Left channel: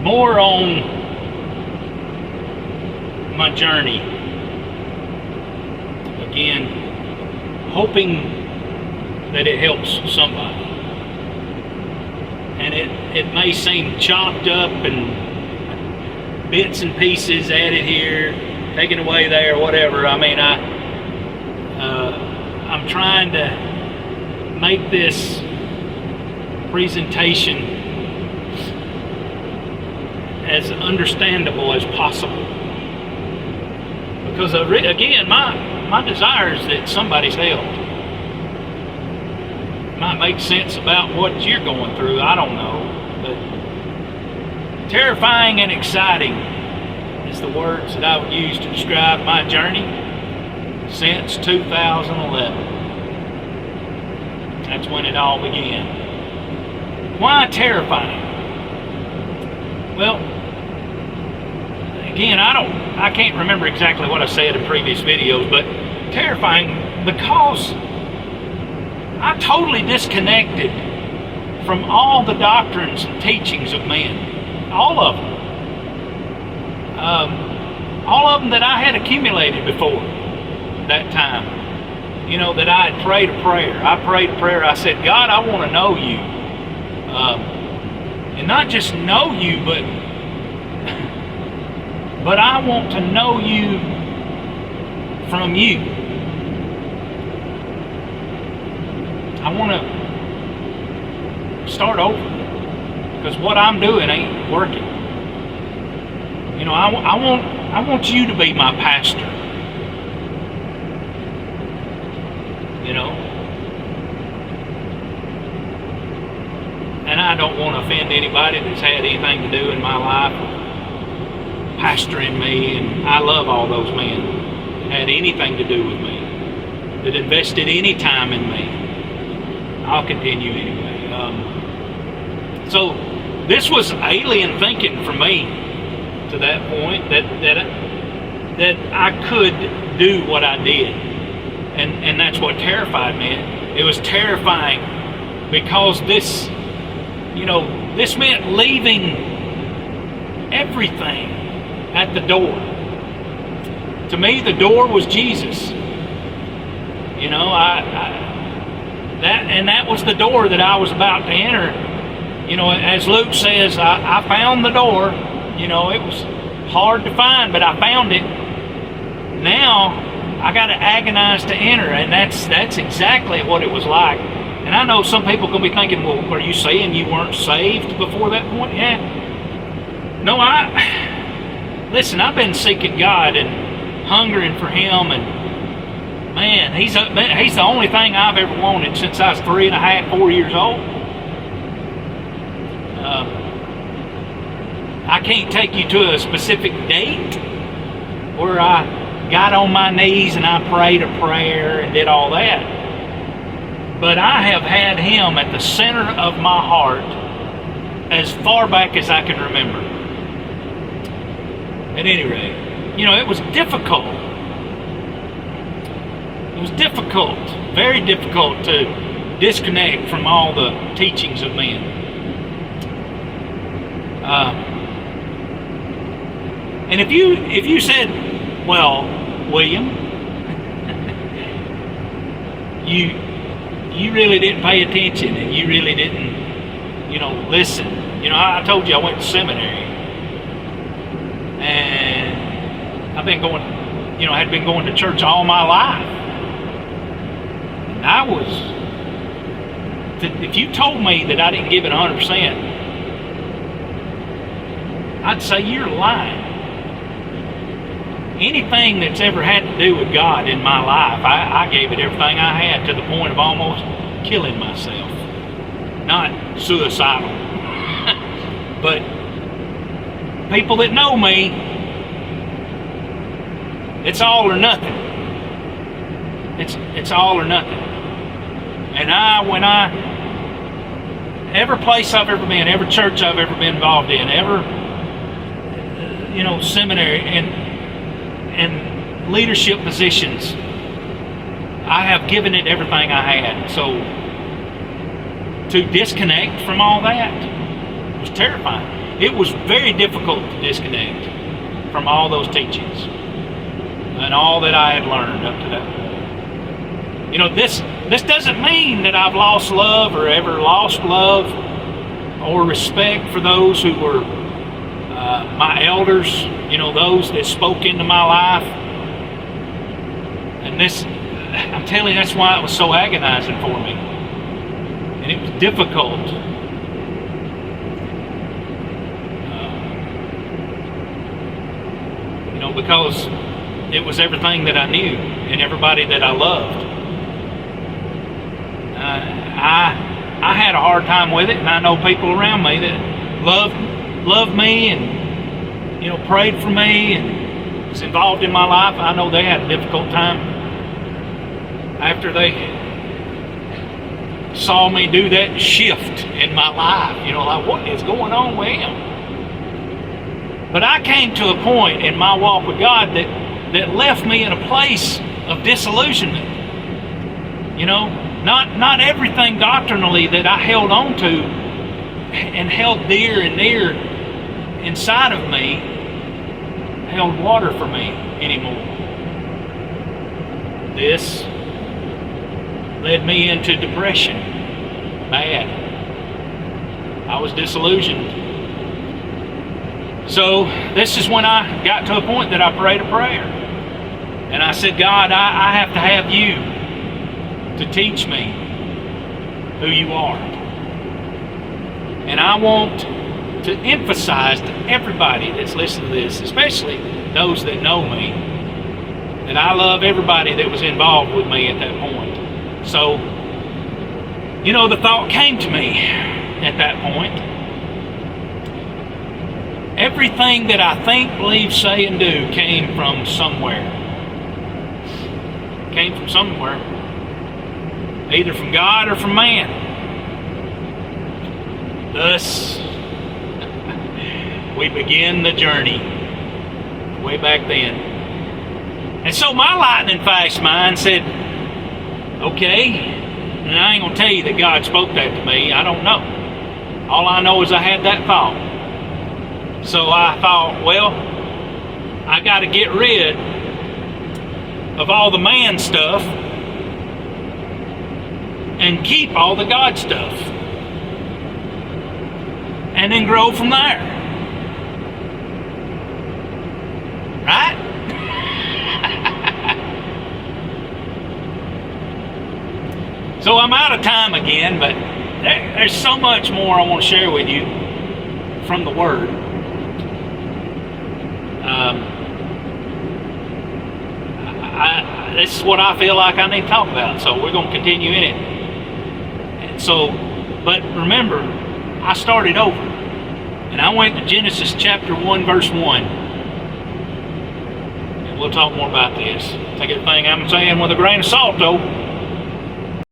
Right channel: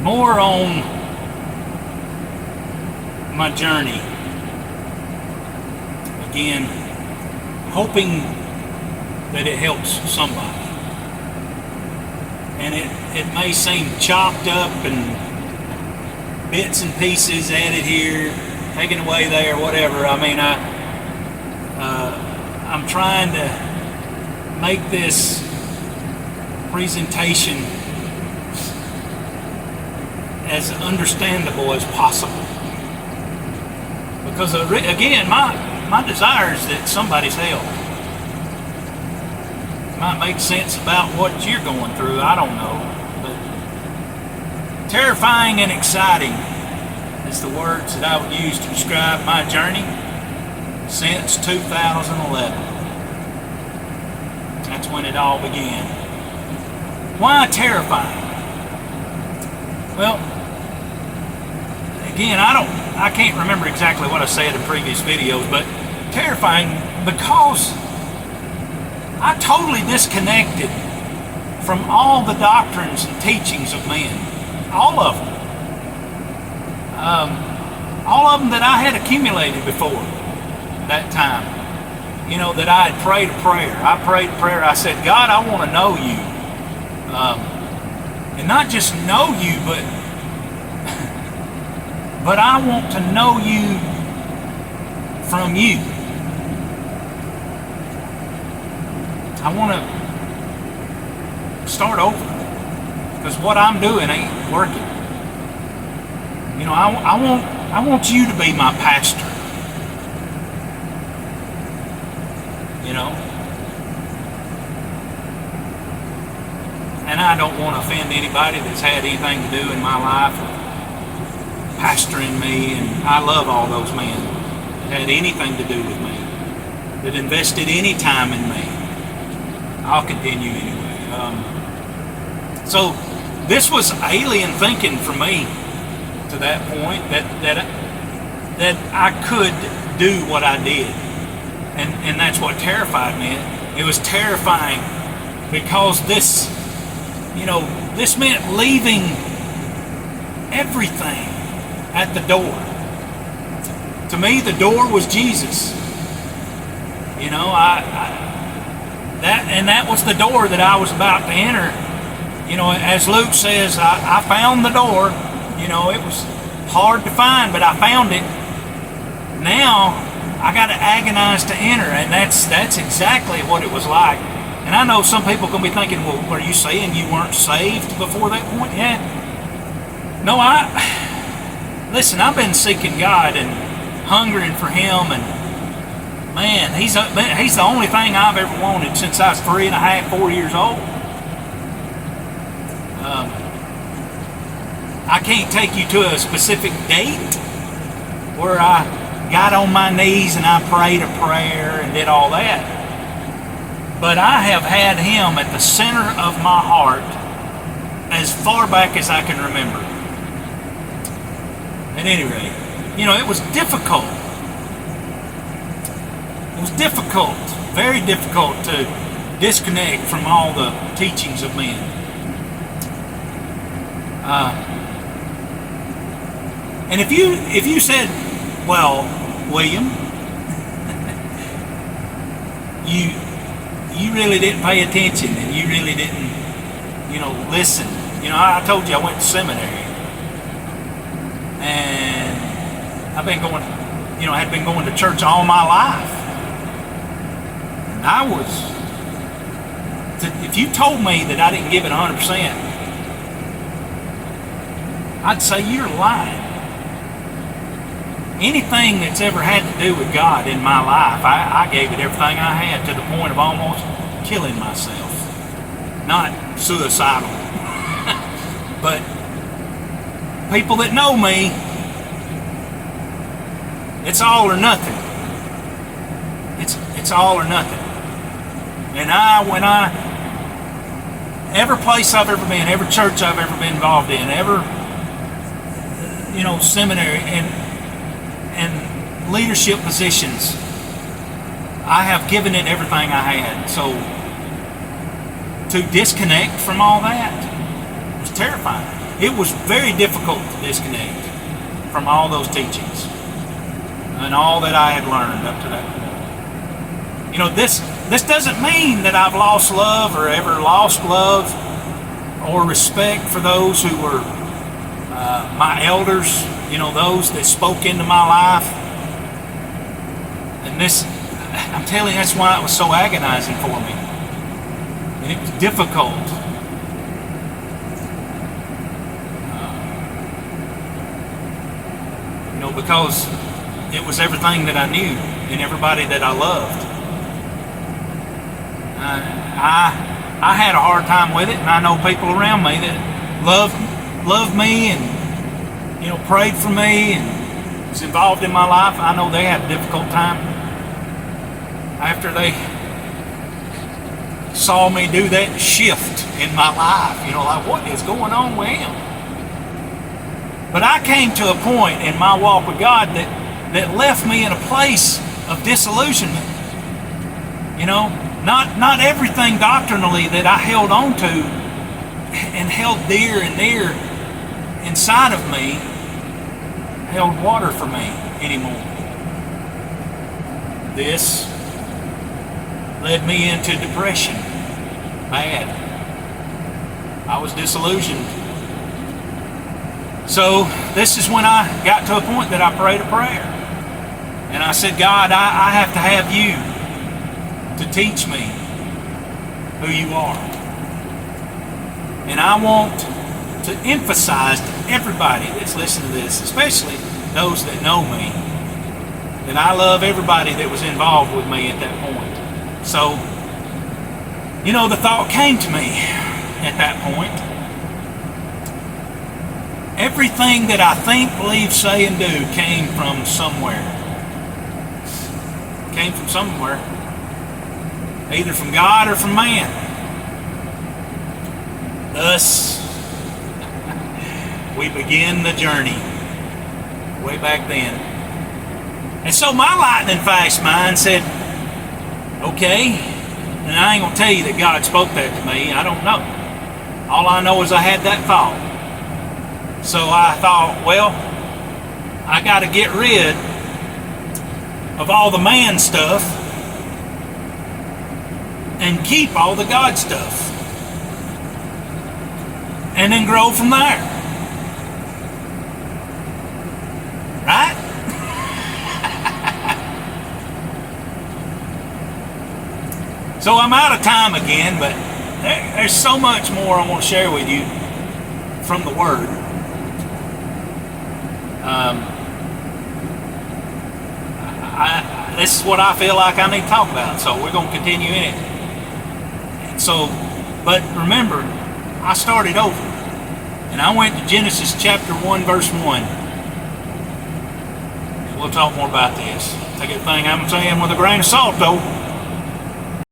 more on my journey. Again, hoping that it helps somebody. And it may seem chopped up and bits and pieces added here, taken away there, whatever. I mean, I'm trying to make this presentation as understandable as possible. Because again, my desire is that somebody's helped. It might make sense about what you're going through, I don't know. But terrifying and exciting is the words that I would use to describe my journey since 2011. That's when it all began. Why terrifying? Well, again, I can't remember exactly what I said in previous videos, but terrifying because I totally disconnected from all the doctrines and teachings of men. All of them. All of them that I had accumulated before that time. You know, that I had prayed a prayer. I prayed a prayer. I said, God, I want to know you. And not just know you, but I want to know you from you. I want to start over because what I'm doing ain't working. You know, I want you to be my pastor. You know, and I don't want to offend anybody that's had anything to do in my life with pastoring me, and I love all those men that had anything to do with me, that invested any time in me. I'll continue anyway. So this was alien thinking for me to that point that I could do what I did, and that's what terrified me. It was terrifying because this meant leaving everything at the door. To me, the door was Jesus. You know, that was the door that I was about to enter. You know, as Luke says, I found the door. You know, it was hard to find, but I found it. Now I got to agonize to enter, and that's exactly what it was like. And I know some people are going to be thinking, well, are you saying you weren't saved before that point? Yeah. No, listen, I've been seeking God and hungering for Him, and man, He's the only thing I've ever wanted since I was 3.5, 4 years old. I can't take you to a specific date where I got on my knees and I prayed a prayer and did all that. But I have had Him at the center of my heart as far back as I can remember. At any rate, you know, it was difficult. It was difficult, very difficult to disconnect from all the teachings of men. And if you said, well, William, you really didn't pay attention and you really didn't, listen. I told you I went to seminary. And I've been going, had been going to church all my life. And if you told me that I didn't give it 100%, I'd say you're lying. Anything that's ever had to do with God in my life, I gave it everything I had to the point of almost killing myself. Not suicidal. But people that know me, it's all or nothing. It's all or nothing. And every place I've ever been, every church I've ever been involved in, every seminary and leadership positions, I have given it everything I had. So to disconnect from all that was terrifying. it was very difficult to disconnect from all those teachings and all that I had learned up to that point. You know, this doesn't mean that I've lost love or ever lost love or respect for those who were my elders, you know, those that spoke into my life. And this, I'm telling you, that's why it was so agonizing for me. And it was difficult. You know, because it was everything that I knew and everybody that I loved. I had a hard time with it, and I know people around me that loved me and, you know, prayed for me and was involved in my life. I know they had a difficult time after they saw me do that shift in my life. You know, like, what is going on with him? But I came to a point in my walk with God that left me in a place of disillusionment. You know, not everything doctrinally that I held on to and held dear and near inside of me held water for me anymore. This led me into depression. Bad. I was disillusioned. So this is when I got to a point that I prayed a prayer. And I said, God, I have to have you to teach me who you are. And I want to emphasize to everybody that's listening to this, especially those that know me, that I love everybody that was involved with me at that point. So, you know, the thought came to me at that point. Everything that I think, believe, say, and do came from somewhere. Came from somewhere. Either from God or from man. Thus, we begin the journey way back then. And so my lightning fast mind said, okay, and I ain't going to tell you that God spoke that to me. I don't know. All I know is I had that thought. So I thought, well, I got to get rid of all the man stuff and keep all the God stuff. And then grow from there. Right? So I'm out of time again, but there's so much more I want to share with you from the Word. This is what I feel like I need to talk about, so we're going to continue in it. And so, but remember, I started over, and I went to Genesis chapter 1, verse 1. And we'll talk more about this. Take everything I'm saying with a grain of salt, though.